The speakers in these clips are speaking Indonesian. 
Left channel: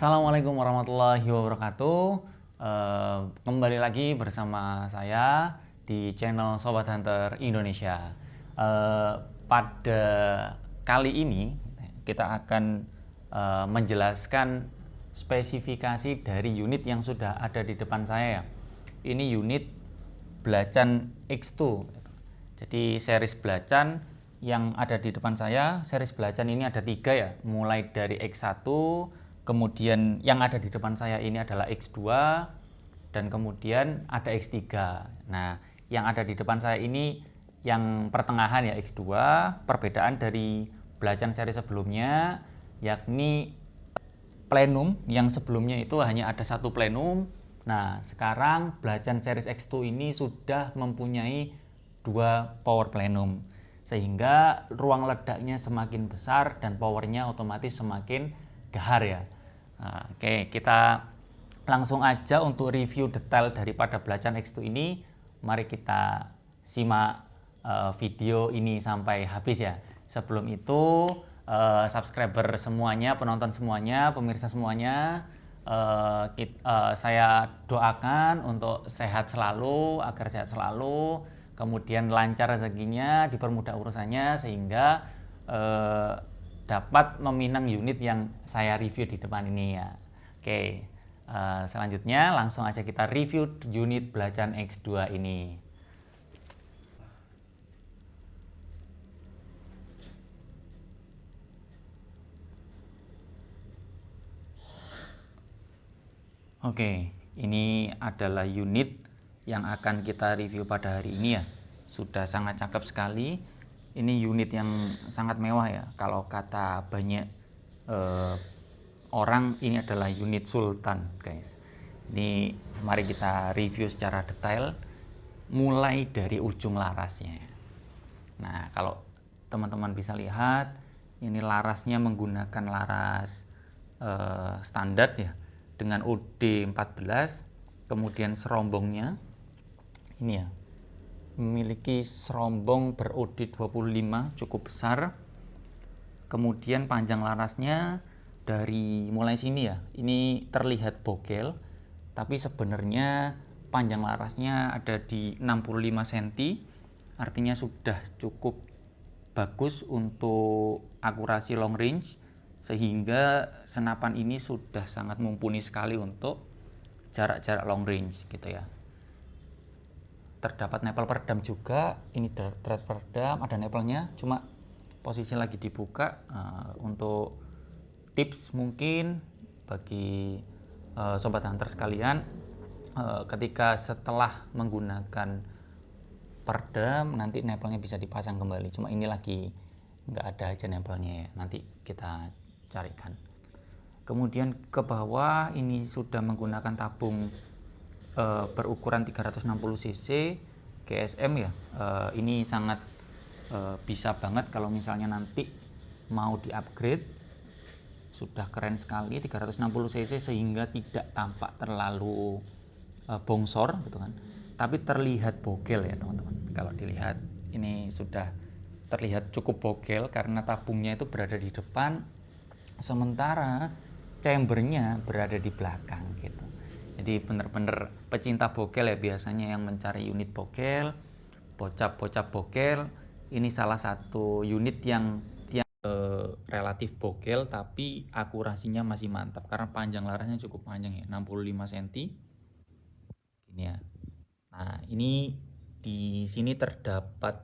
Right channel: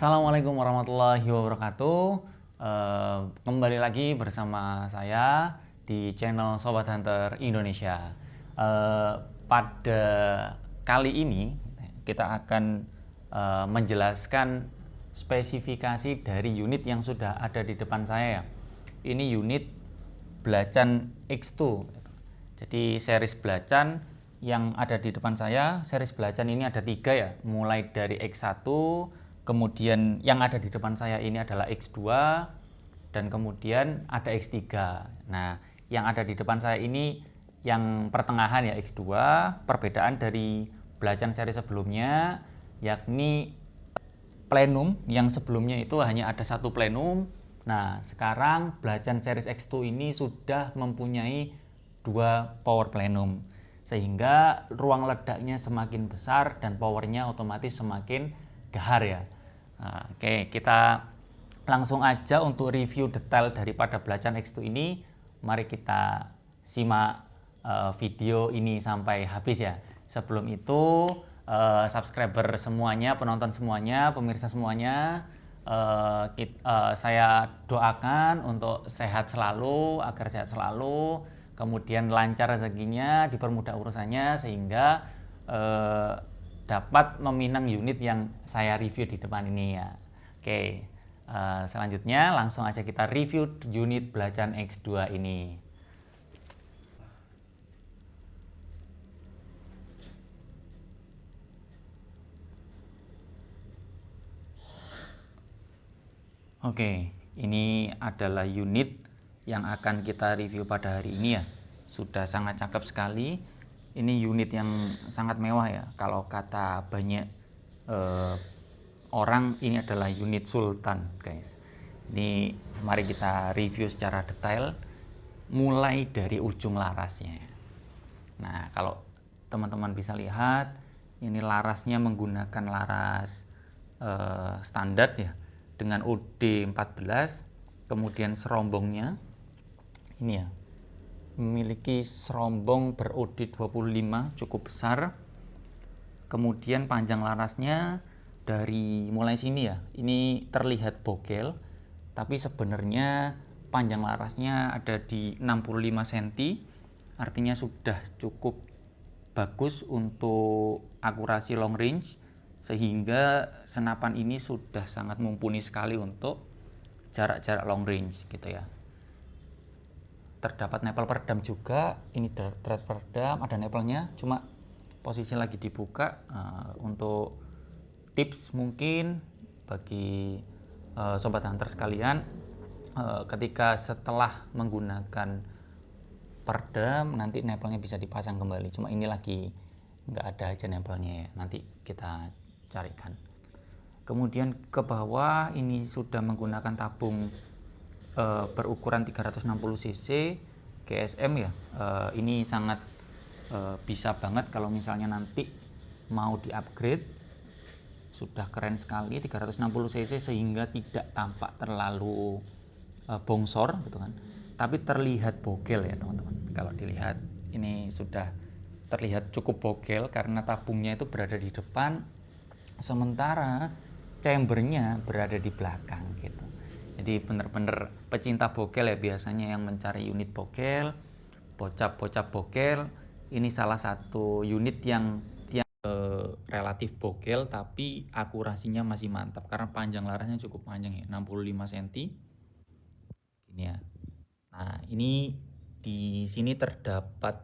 Assalamualaikum warahmatullahi wabarakatuh. Kembali lagi bersama saya di channel Sobat Hunter Indonesia. Pada kali ini kita akan menjelaskan spesifikasi dari unit yang sudah ada di depan saya. Ini unit Blacan X2. Jadi series Blacan yang ada di depan saya, series Blacan ini ada 3 ya, mulai dari X1, kemudian yang ada di depan saya ini adalah X2, dan kemudian ada X3. Nah, yang ada di depan saya ini yang pertengahan ya X2, perbedaan dari Blacan seri sebelumnya, yakni plenum yang sebelumnya itu hanya ada satu plenum. Nah, sekarang Blacan series X2 ini sudah mempunyai 2 power plenum, sehingga ruang ledaknya semakin besar dan powernya otomatis semakin gahar ya. Nah, oke, kita langsung aja untuk review detail daripada Blacan X2 ini. Mari kita simak video ini sampai habis ya. Sebelum itu, subscriber semuanya, penonton semuanya, pemirsa semuanya, saya doakan untuk sehat selalu, agar sehat selalu, kemudian lancar rezekinya, dipermudah urusannya, sehingga dapat meminang unit yang saya review di depan ini ya. Oke, selanjutnya langsung aja kita review unit Blacan X2 ini. Oke, ini adalah unit yang akan kita review pada hari ini ya. Sudah sangat cakep sekali. Ini unit yang sangat mewah ya. Kalau kata banyak orang, ini adalah unit Sultan, guys. Ini mari kita review secara detail, mulai dari ujung larasnya. Nah, kalau teman-teman bisa lihat, ini larasnya menggunakan laras standar ya, dengan OD 14. Kemudian serombongnya ini ya, memiliki serombong ber-OD 25 cukup besar. Kemudian panjang larasnya dari mulai sini ya, ini terlihat bogel, tapi sebenarnya panjang larasnya ada di 65 cm, artinya sudah cukup bagus untuk akurasi long range, sehingga senapan ini sudah sangat mumpuni sekali untuk jarak-jarak long range gitu ya. Terdapat nepel peredam juga, ini thread peredam, ada nepelnya, cuma posisi lagi dibuka. Untuk tips mungkin bagi sobat hunter sekalian, ketika setelah menggunakan peredam nanti nepelnya bisa dipasang kembali, cuma ini lagi nggak ada aja nepelnya ya, nanti kita carikan. Kemudian ke bawah ini sudah menggunakan tabung berukuran 360 cc GSM ya. Ini sangat bisa banget kalau misalnya nanti mau di upgrade, sudah keren sekali 360 cc sehingga tidak tampak terlalu bongsor gitu kan, tapi terlihat bogel ya teman-teman. Kalau dilihat ini sudah terlihat cukup bogel karena tabungnya itu berada di depan, sementara chambernya berada di belakang gitu. Jadi bener-bener pecinta bogel ya biasanya yang mencari unit bogel, bocap-bocap bogel. Ini salah satu unit yang relatif bogel tapi akurasinya masih mantap karena panjang larasnya cukup panjang ya, 65 cm. Ini ya. Nah, ini di sini terdapat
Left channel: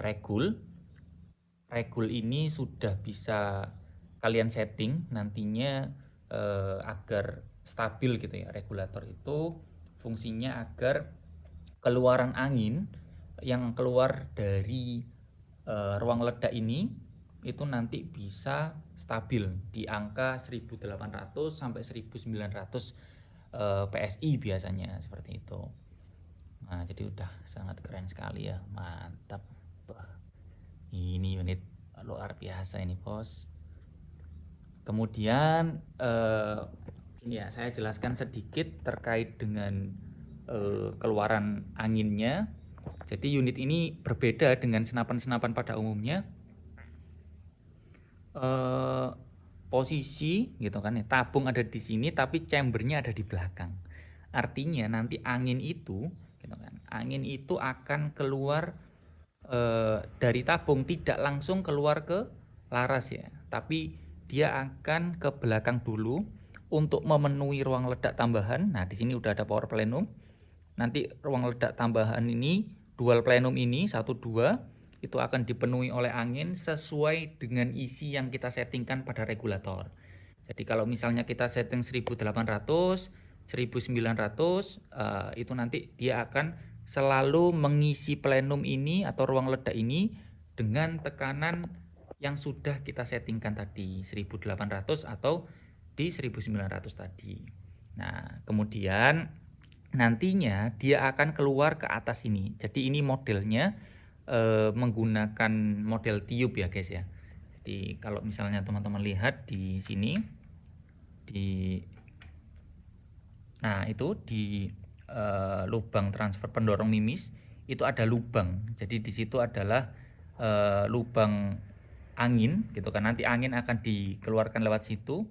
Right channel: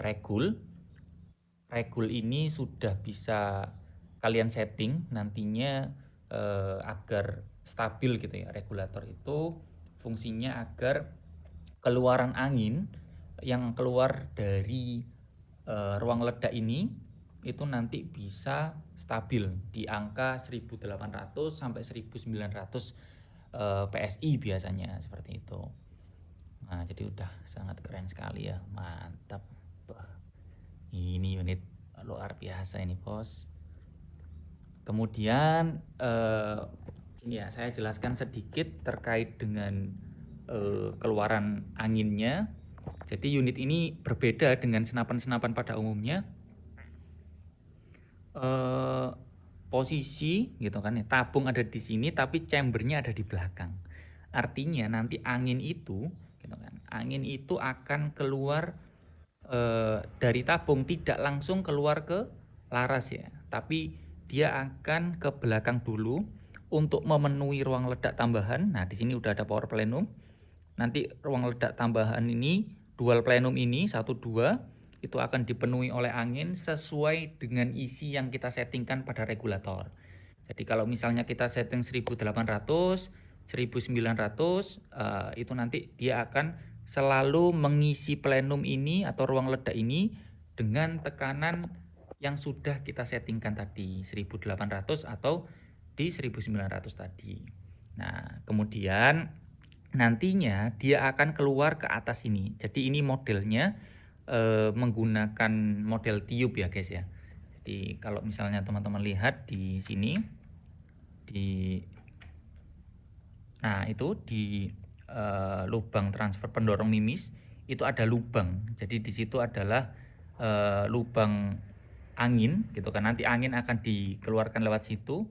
regul. Regul ini sudah bisa kalian setting nantinya agar stabil gitu ya. Regulator itu fungsinya agar keluaran angin yang keluar dari ruang ledak ini itu nanti bisa stabil di angka 1800 sampai 1900 PSI biasanya, seperti itu. Nah, jadi udah sangat keren sekali ya, mantap. Ini unit luar biasa ini, bos. Kemudian ini ya, saya jelaskan sedikit terkait dengan keluaran anginnya. Jadi unit ini berbeda dengan senapan-senapan pada umumnya. posisi gitu kan ya, tabung ada di sini tapi chambernya ada di belakang. Artinya nanti angin itu gitu kan, angin itu akan keluar dari tabung, tidak langsung keluar ke laras ya, tapi dia akan ke belakang dulu untuk memenuhi ruang ledak tambahan. Nah, di sini udah ada power plenum. Nanti ruang ledak tambahan ini, dual plenum ini 1 2 itu akan dipenuhi oleh angin sesuai dengan isi yang kita settingkan pada regulator. Jadi kalau misalnya kita setting 1800, 1900, itu nanti dia akan selalu mengisi plenum ini atau ruang ledak ini dengan tekanan yang sudah kita settingkan tadi, 1800 atau di 1900 tadi. Nah, kemudian nantinya dia akan keluar ke atas ini. Jadi ini modelnya menggunakan model tiup ya guys ya. Jadi kalau misalnya teman-teman lihat di sini, nah itu di lubang transfer pendorong mimis itu ada lubang. Jadi di situ adalah lubang angin gitu kan. Nanti angin akan dikeluarkan lewat situ.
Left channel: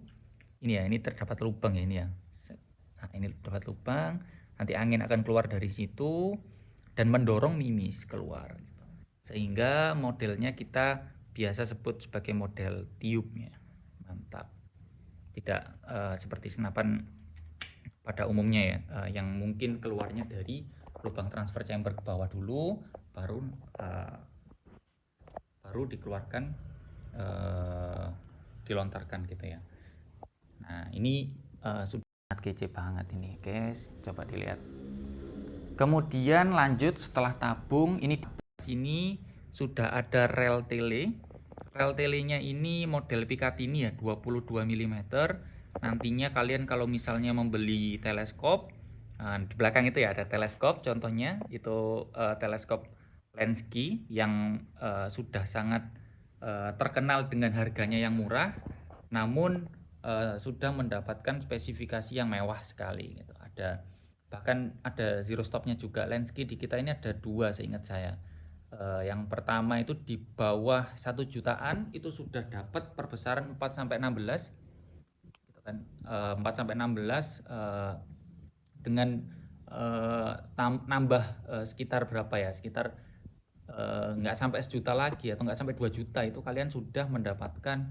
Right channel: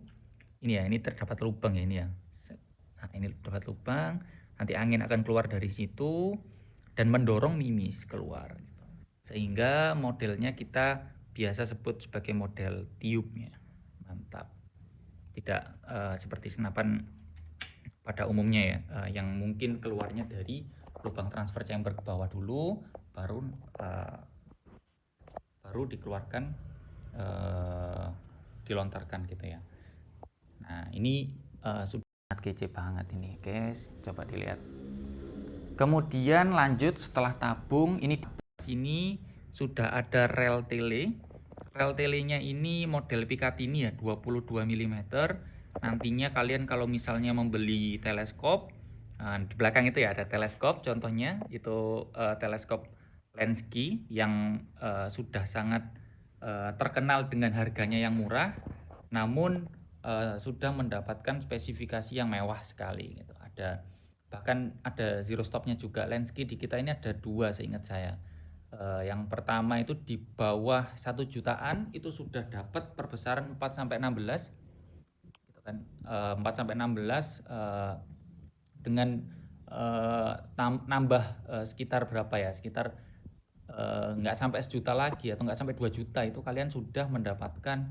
Ini ya, ini terdapat lubang ya ini ya. Nah, ini terdapat lubang. Nanti angin akan keluar dari situ dan mendorong mimis keluar. Sehingga modelnya kita biasa sebut sebagai model tiupnya. Mantap. Tidak seperti senapan pada umumnya ya, yang mungkin keluarnya dari lubang transfer chamber ke bawah dulu, baru dikeluarkan, dilontarkan gitu ya. Nah ini sudah kece banget ini guys, coba dilihat. Kemudian lanjut setelah tabung, ini sini sudah ada rel tele. Rel telenya ini model Picatinny ya, 22 mm. Nantinya kalian kalau misalnya membeli teleskop, di belakang itu ya ada teleskop, contohnya itu teleskop Lenski yang sudah sangat terkenal dengan harganya yang murah, namun sudah mendapatkan spesifikasi yang mewah sekali gitu. Bahkan ada zero stopnya juga. Lenski di kita ini ada 2 seingat saya. Yang pertama itu di bawah 1 jutaan itu sudah dapat perbesaran 4 sampai 16 gitu kan. 4 sampai 16 dengan nambah sekitar berapa ya? Sekitar nggak sampai sejuta lagi atau nggak sampai 2 juta itu kalian sudah mendapatkan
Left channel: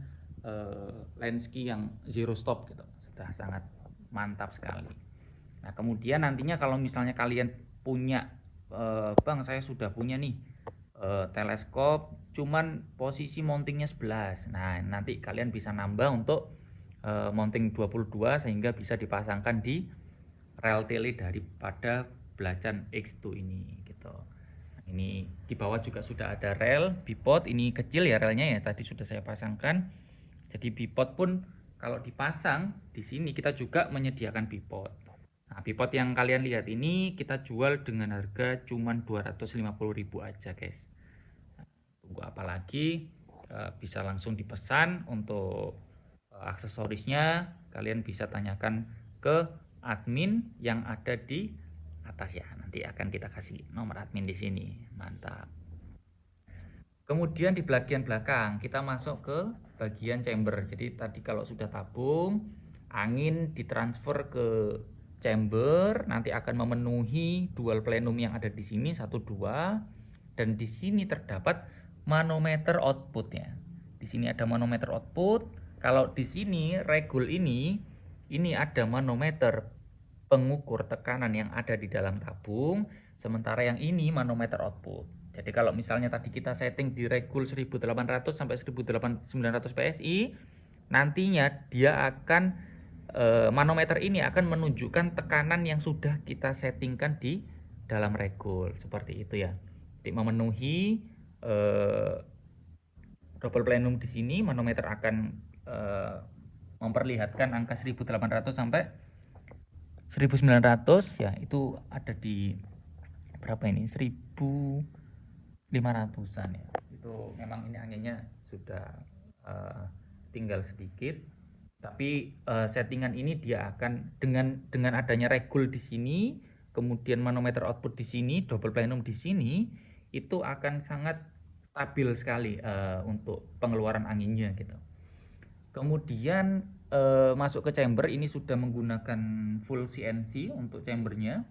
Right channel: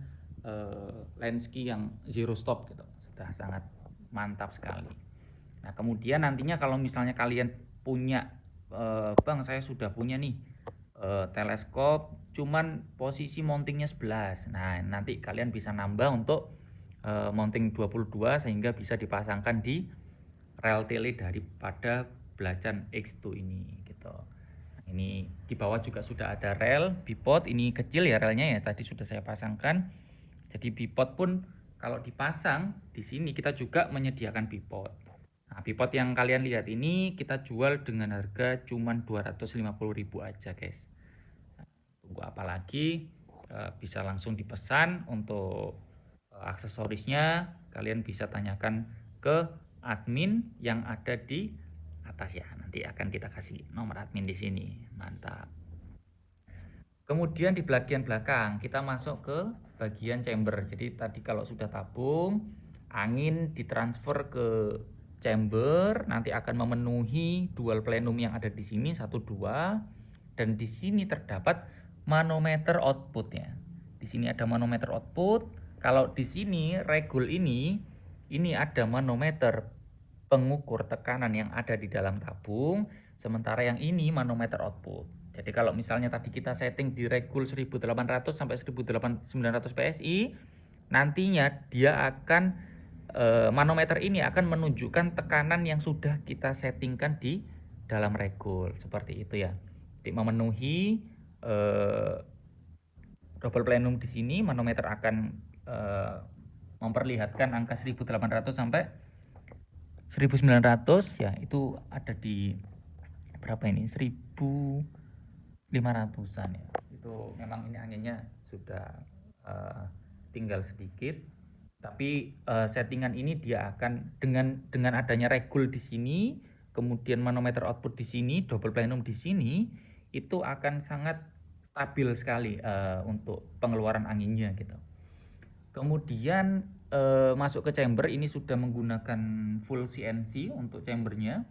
Lenski yang zero stop gitu. Sudah sangat mantap sekali. Nah, kemudian nantinya kalau misalnya kalian punya Bang, saya sudah punya nih teleskop cuman posisi mountingnya 11. Nah, nanti kalian bisa nambah untuk mounting 22 sehingga bisa dipasangkan di rel tele daripada belacan X2 ini gitu. Ini di bawah juga sudah ada rel bipod, ini kecil ya relnya ya, tadi sudah saya pasangkan. Jadi bipod pun kalau dipasang di sini kita juga menyediakan bipod. Nah, bipod yang kalian lihat ini kita jual dengan harga cuman 250.000 aja guys. Tunggu apa lagi, bisa langsung dipesan. Untuk aksesorisnya kalian bisa tanyakan ke admin yang ada di atas ya, nanti akan kita kasih nomor admin di sini. Mantap. Kemudian di bagian belakang kita masuk ke bagian chamber. Jadi tadi kalau sudah tabung, angin ditransfer ke chamber, nanti akan memenuhi dual plenum yang ada di sini 1 2, dan di sini terdapat manometer output ya. Di sini ada manometer output. Kalau di sini regul ini ada manometer pengukur tekanan yang ada di dalam tabung, sementara yang ini manometer output. Jadi kalau misalnya tadi kita setting di regul 1800 sampai 1900 PSI, nantinya dia akan manometer ini akan menunjukkan tekanan yang sudah kita settingkan di dalam regul, seperti itu ya. Jadi memenuhi double plenum di sini, manometer akan memperlihatkan angka 1800 sampai 1900 ya, itu ada di berapa ini, 1500-an ya. Itu memang ini anginnya sudah tinggal sedikit, tapi settingan ini dia akan dengan adanya regul di sini, kemudian manometer output di sini, double plenum di sini, itu akan sangat stabil sekali untuk pengeluaran anginnya gitu. Kemudian masuk ke chamber, ini sudah menggunakan full CNC untuk chambernya.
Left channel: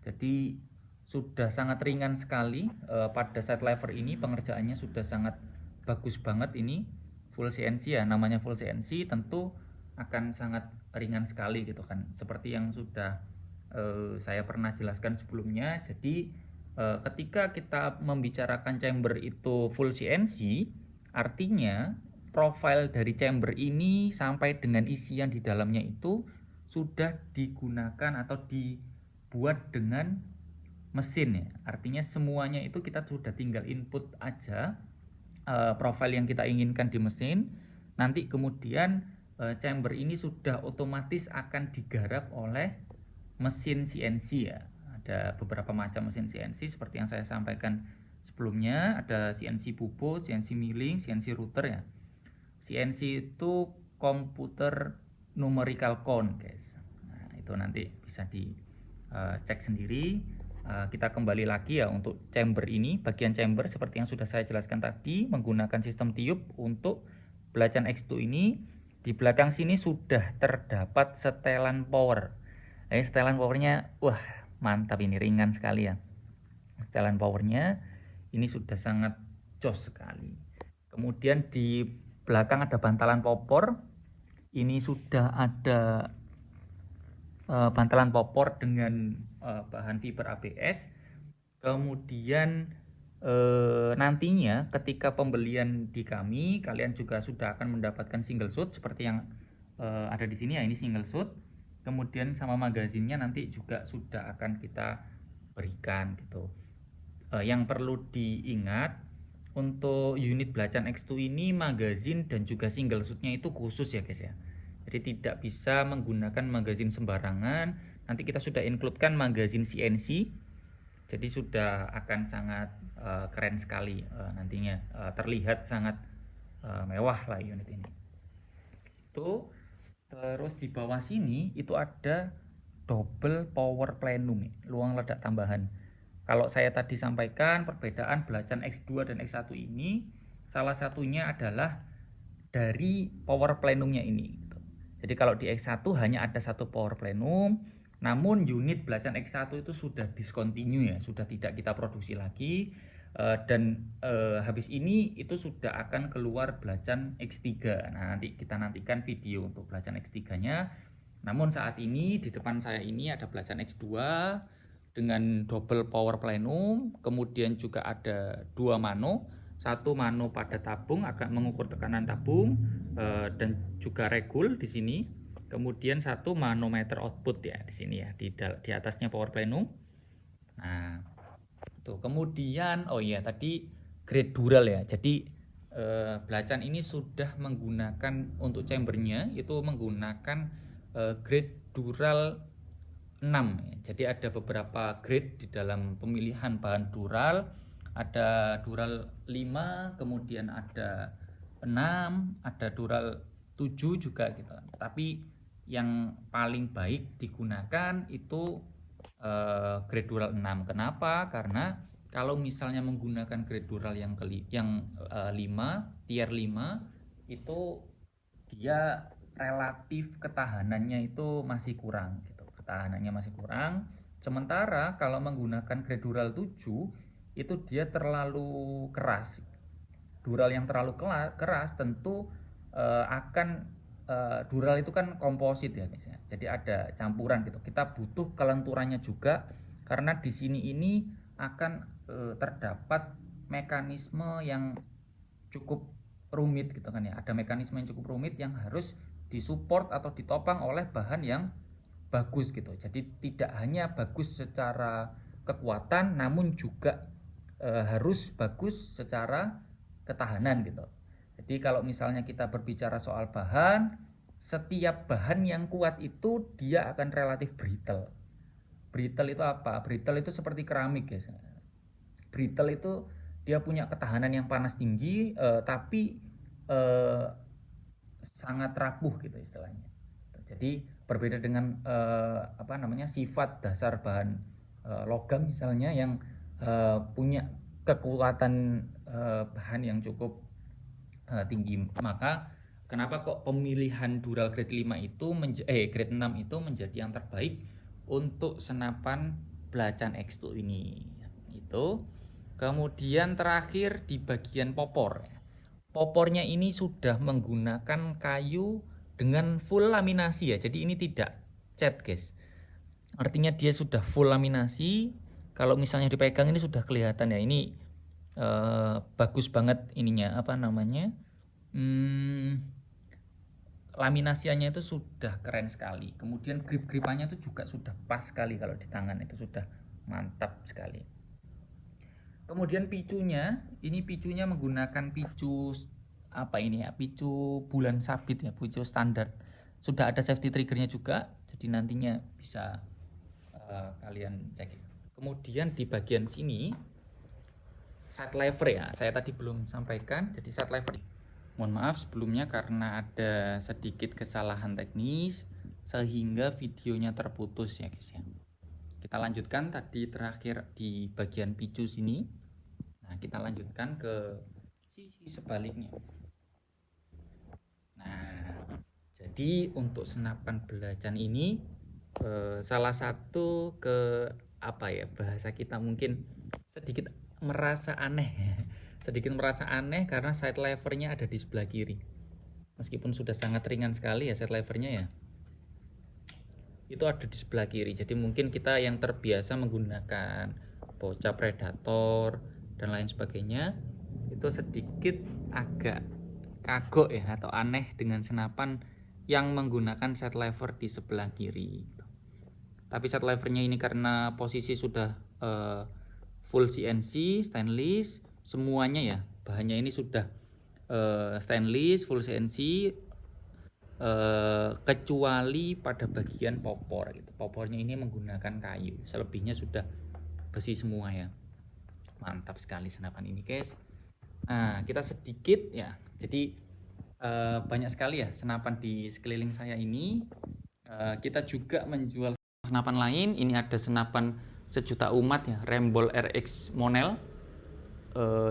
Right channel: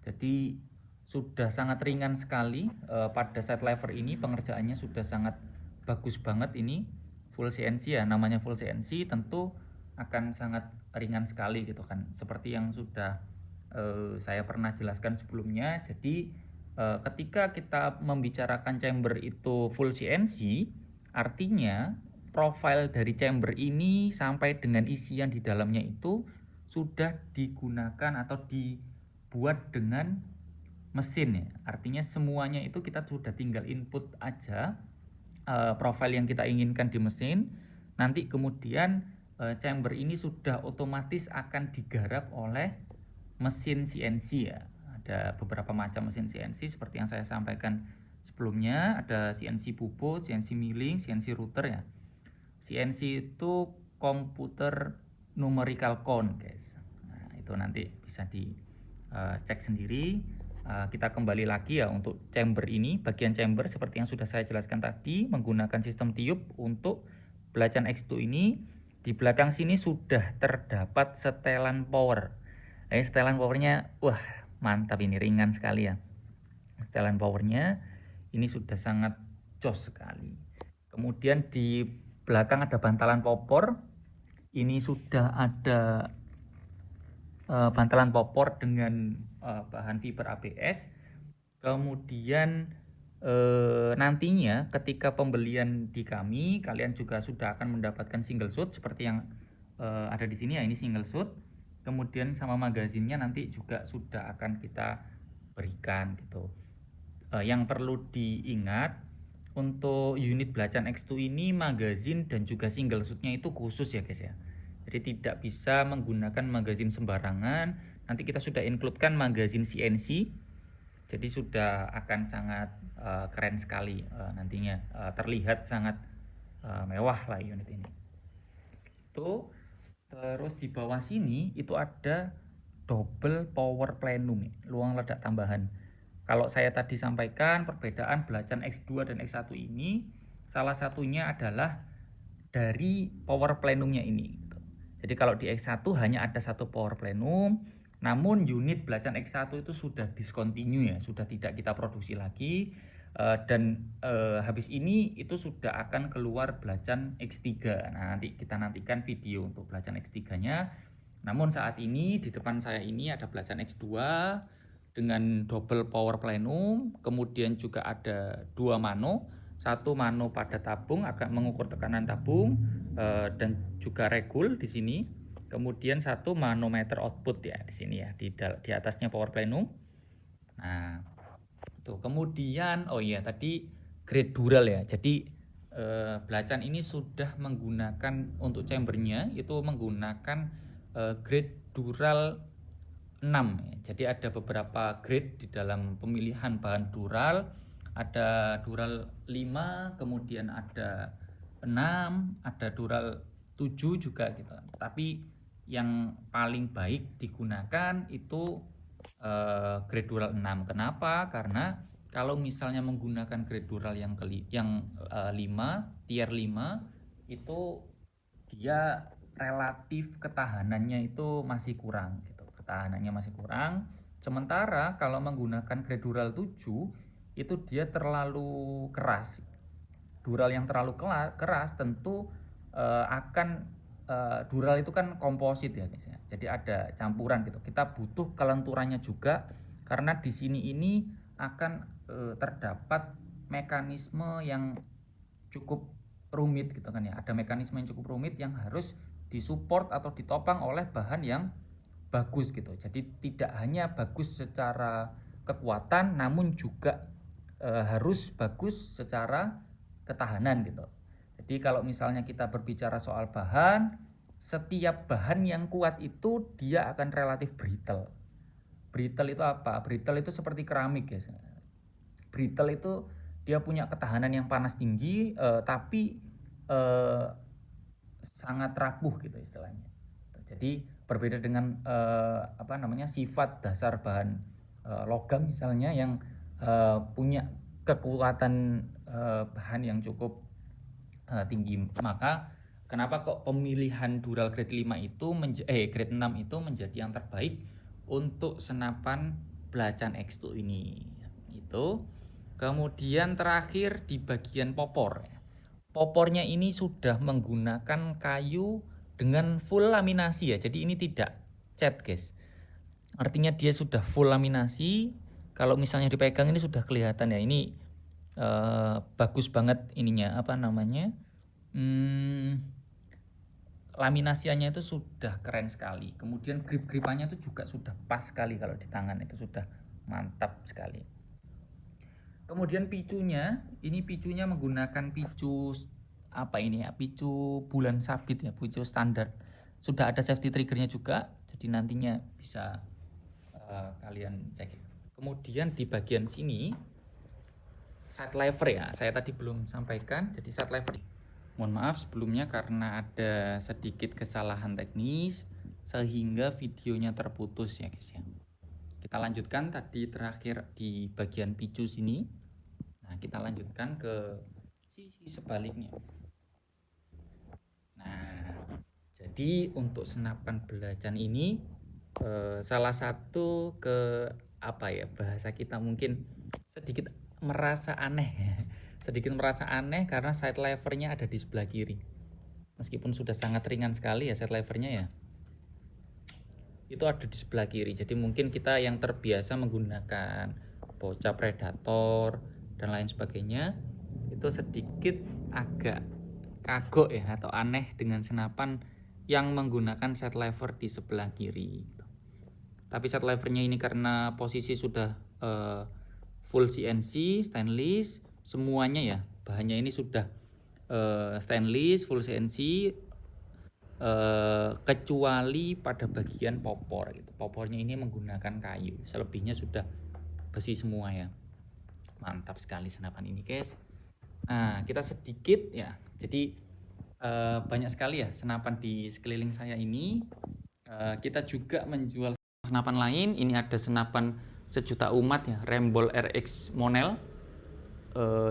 Jadi sudah sangat ringan sekali. Pada side lever ini pengerjaannya sudah sangat bagus banget ini. Full CNC ya, namanya full CNC tentu akan sangat ringan sekali gitu kan. Seperti yang sudah saya pernah jelaskan sebelumnya. Jadi ketika kita membicarakan chamber itu full CNC, artinya profil dari chamber ini sampai dengan isian di dalamnya itu sudah digunakan atau dibuat dengan mesin ya. Artinya semuanya itu kita sudah tinggal input aja profil yang kita inginkan di mesin. Nanti kemudian chamber ini sudah otomatis akan digarap oleh mesin CNC ya. Ada beberapa macam mesin CNC seperti yang saya sampaikan sebelumnya. Ada CNC puput, CNC milling, CNC router ya. CNC itu komputer numerical count guys. Nah, itu nanti bisa dicek sendiri. Kita kembali lagi ya untuk chamber ini, bagian chamber seperti yang sudah saya jelaskan tadi, menggunakan sistem tiup untuk belacan X2 ini. Di belakang sini sudah terdapat setelan power. Setelan powernya, wah mantap, ini ringan sekali ya. Setelan powernya ini sudah sangat jos sekali. Kemudian di belakang ada bantalan popor. Ini sudah ada bantalan popor dengan bahan fiber ABS. Kemudian nantinya ketika pembelian di kami, kalian juga sudah akan mendapatkan single shoot seperti yang ada di sini ya. Ini single shoot. Kemudian sama magazinnya nanti juga sudah akan kita berikan gitu. Yang perlu diingat, untuk unit belacan X2 ini magazin dan juga single shootnya itu khusus ya guys ya. Jadi tidak bisa menggunakan magazin sembarangan. Nanti kita sudah includekan magazin CNC. Jadi sudah akan sangat keren sekali nantinya. Terlihat sangat mewah lah unit ini. Itu terus di bawah sini itu ada double power plenum, luang ledak tambahan. Kalau saya tadi sampaikan perbedaan belacan X2 dan X1 ini, salah satunya adalah dari power plenumnya ini. Jadi kalau di X1 hanya ada satu power plenum, namun unit belacan X1 itu sudah discontinue ya, sudah tidak kita produksi lagi. Dan habis ini itu sudah akan keluar belacan X3. Nah, nanti kita nantikan video untuk belacan X3-nya. Namun saat ini di depan saya ini ada belacan X2 dengan double power plenum, kemudian juga ada dua mano. Satu mano pada tabung akan mengukur tekanan tabung dan juga regul di sini. Kemudian satu manometer output ya di sini ya, di atasnya power plenum. Nah, tuh kemudian oh iya tadi grade dural ya. Jadi belacan ini sudah menggunakan untuk chambernya itu menggunakan grade dural 6 ya. Jadi ada beberapa grade di dalam pemilihan bahan dural. Ada dural 5, kemudian ada 6, ada dural 7 juga gitu. Tapi yang paling baik digunakan itu grade dural 6. Kenapa? Karena kalau misalnya menggunakan grade dural yang 5, tier 5 itu dia relatif ketahanannya itu masih kurang gitu. Ketahanannya masih kurang. Sementara kalau menggunakan grade dural 7 itu dia terlalu keras. Dural yang terlalu keras tentu akan dural itu kan komposit ya guys ya. Jadi ada campuran gitu. Kita butuh kelenturannya juga karena di sini ini akan terdapat mekanisme yang cukup rumit gitu kan ya. Ada mekanisme yang cukup rumit yang harus disupport atau ditopang oleh bahan yang bagus gitu. Jadi tidak hanya bagus secara kekuatan namun juga harus bagus secara ketahanan gitu. Jadi kalau misalnya kita berbicara soal bahan, setiap bahan yang kuat itu dia akan relatif brittle. Brittle itu apa? Brittle itu seperti keramik ya. Brittle itu dia punya ketahanan yang panas tinggi, tapi sangat rapuh gitu istilahnya. Jadi berbeda dengan sifat dasar bahan logam misalnya yang punya kekuatan bahan yang cukup tinggi, maka Kenapa kok pemilihan Dural grade 5 itu grade 6 itu menjadi yang terbaik untuk senapan belacan X2 ini. Itu. Kemudian terakhir di bagian popor. Popornya ini sudah menggunakan kayu dengan full laminasi ya. Jadi ini tidak cat, guys. Artinya dia sudah full laminasi. Kalau misalnya dipegang ini sudah kelihatan ya. Ini bagus banget ininya, apa namanya? Laminasiannya itu sudah keren sekali. Kemudian grip-gripannya itu juga sudah pas sekali, kalau di tangan itu sudah mantap sekali. Kemudian picunya, ini picunya menggunakan picu apa ini ya? Picu bulan sabit ya, picu standar. Sudah ada safety triggernya juga, jadi nantinya bisa kalian cek. Kemudian di bagian sini sight lever ya, saya tadi belum sampaikan. Jadi sight lever, mohon maaf sebelumnya karena ada sedikit kesalahan teknis sehingga videonya terputus ya guys ya. Kita lanjutkan tadi terakhir di bagian picu sini. Nah, kita lanjutkan ke sisi sebaliknya. Nah, jadi untuk senapan belacan ini salah satu apa ya, bahasa kita mungkin sedikit merasa aneh. Sedikit merasa aneh karena sight levernya ada di sebelah kiri. Meskipun sudah sangat ringan sekali ya sight levernya ya, itu ada di sebelah kiri. Jadi mungkin kita yang terbiasa menggunakan bocah predator dan lain sebagainya itu sedikit agak kagok ya atau aneh dengan senapan yang menggunakan sight lever di sebelah kiri. Tapi sight levernya ini karena posisi sudah full CNC stainless semuanya ya, bahannya ini sudah stainless full CNC, kecuali pada bagian popor gitu. Popornya ini menggunakan kayu, selebihnya sudah besi semua ya. Mantap sekali senapan ini guys. Nah, kita sedikit ya, jadi banyak sekali ya senapan di sekeliling saya ini. Kita juga menjual senapan lain. Ini ada senapan sejuta umat ya, Rembol RX Monel.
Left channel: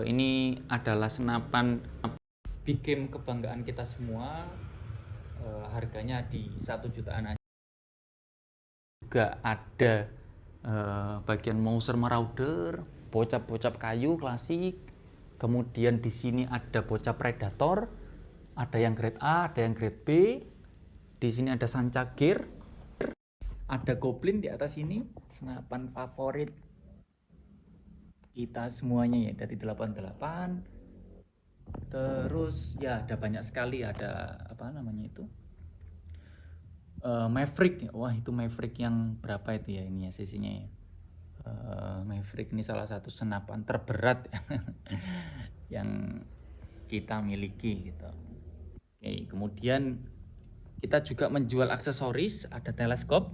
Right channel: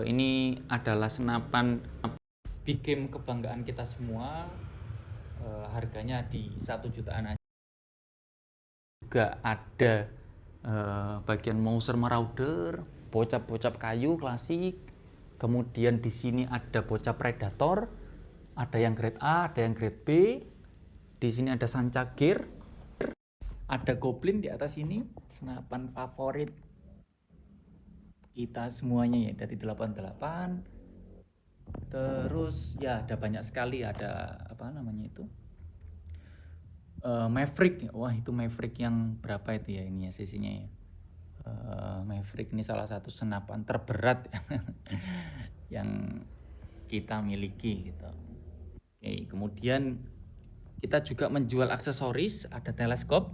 Ini adalah senapan big game kebanggaan kita semua. Harganya di 1 jutaan aja. Juga ada bagian Mauser Marauder, bocap-bocap kayu klasik. Kemudian di sini ada bocah predator, ada yang grade A, ada yang grade B. Di sini ada sanca gear, ada goblin di atas ini, senapan favorit kita semuanya ya dari 88. Terus ya ada banyak sekali, ada apa namanya itu? Maverick. Wah, itu Maverick yang berapa itu ya ini ya sisinya ya. Maverick ini salah satu senapan terberat yang kita miliki gitu. Oke, kemudian kita juga menjual aksesoris, ada teleskop.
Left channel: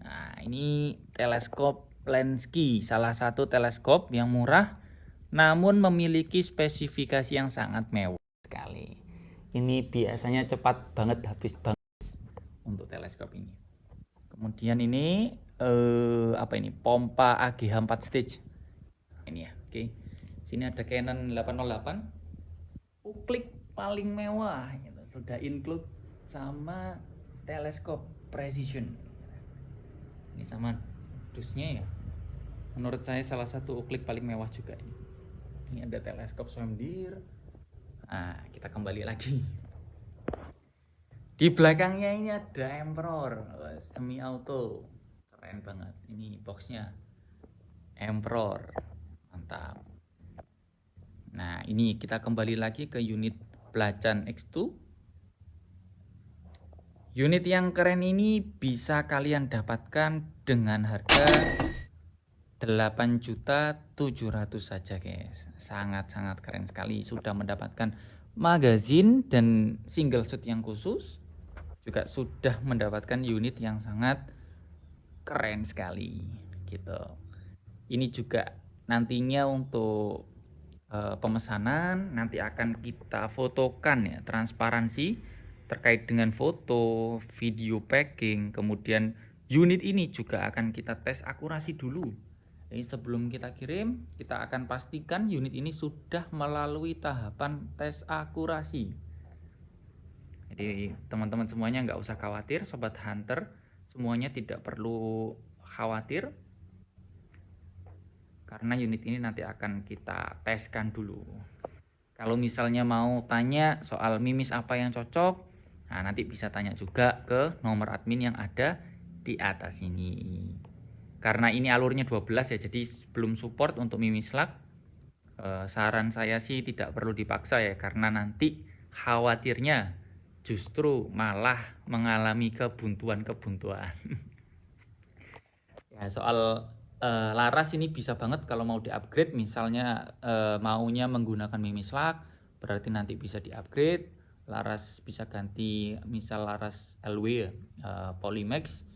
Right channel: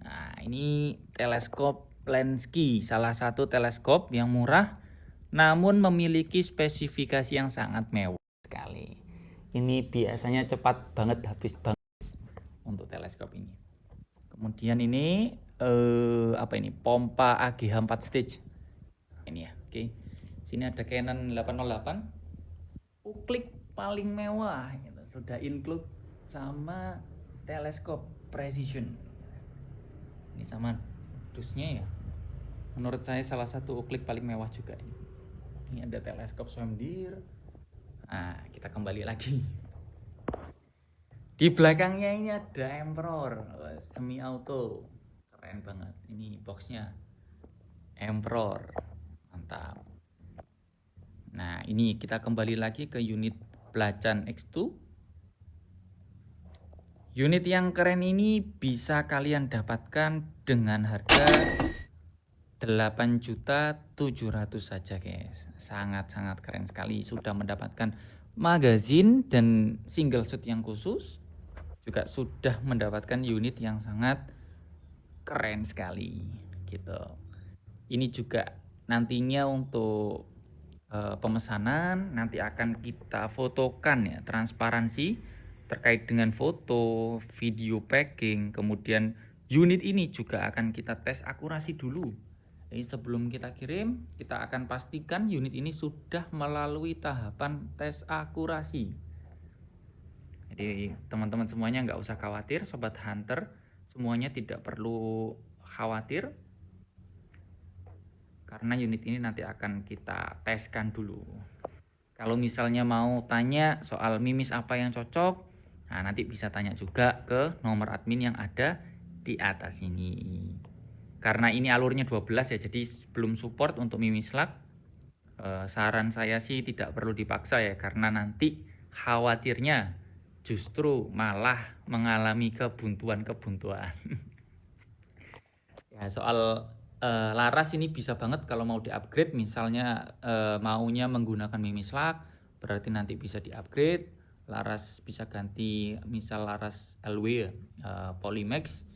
Nah, ini teleskop Lenski, salah satu teleskop yang murah namun memiliki spesifikasi yang sangat mewah sekali. Ini biasanya cepat banget habis banget untuk teleskop ini. Kemudian ini apa ini? Pompa AGH 4 stage. Ini ya, oke. Sini ada Canon 808. Uklik paling mewah gitu. Sudah include sama teleskop precision. Ini sama dusnya ya. Menurut saya salah satu uklik paling mewah juga ini. Ini ada teleskop Swamdeer. Nah, kita kembali lagi. Di belakangnya ini ada Emperor semi auto, keren banget. Ini boxnya Emperor, mantap. Nah, ini kita kembali lagi ke unit belacan X2. Unit yang keren ini bisa kalian dapatkan dengan harga 8.700.000 saja guys. Sangat-sangat keren sekali. Sudah mendapatkan magazin dan single shot yang khusus. Juga sudah mendapatkan unit yang sangat keren sekali gitu. Ini juga nantinya untuk pemesanan nanti akan kita fotokan ya, transparansi terkait dengan foto, video packing. Kemudian unit ini juga akan kita tes akurasi dulu. Jadi sebelum kita kirim, kita akan pastikan unit ini sudah melalui tahapan tes akurasi. Jadi teman-teman semuanya nggak usah khawatir, Sobat Hunter, semuanya tidak perlu khawatir, karena unit ini nanti akan kita teskan dulu. Kalau misalnya mau tanya soal mimis apa yang cocok, nah nanti bisa tanya juga ke nomor admin yang ada di atas ini. Karena ini alurnya 12 ya, jadi belum support untuk mimis lag. Saran saya sih tidak perlu dipaksa ya, karena nanti khawatirnya justru malah mengalami kebuntuan-kebuntuan. Ya, soal laras ini bisa banget kalau mau di-upgrade, misalnya maunya menggunakan mimis lag, berarti nanti bisa di-upgrade. Laras bisa ganti misal laras LW ya, Polymax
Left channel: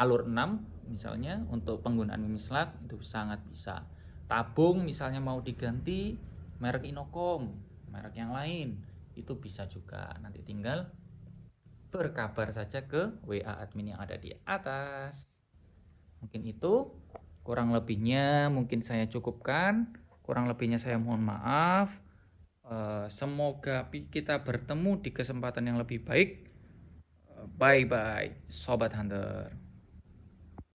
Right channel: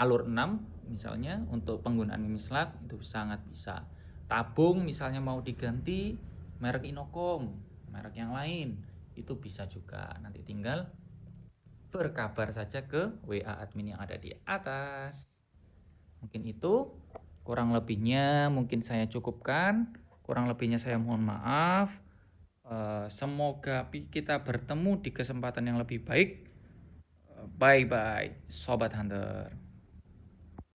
alur 6 misalnya untuk penggunaan mimis lag itu sangat bisa. Tabung misalnya mau diganti merek Inokom, merek yang lain, itu bisa juga. Nanti tinggal berkabar saja ke WA admin yang ada di atas. Mungkin itu, kurang lebihnya mungkin saya cukupkan, kurang lebihnya saya mohon maaf. Semoga kita bertemu di kesempatan yang lebih baik. Bye bye Sobat Hunter.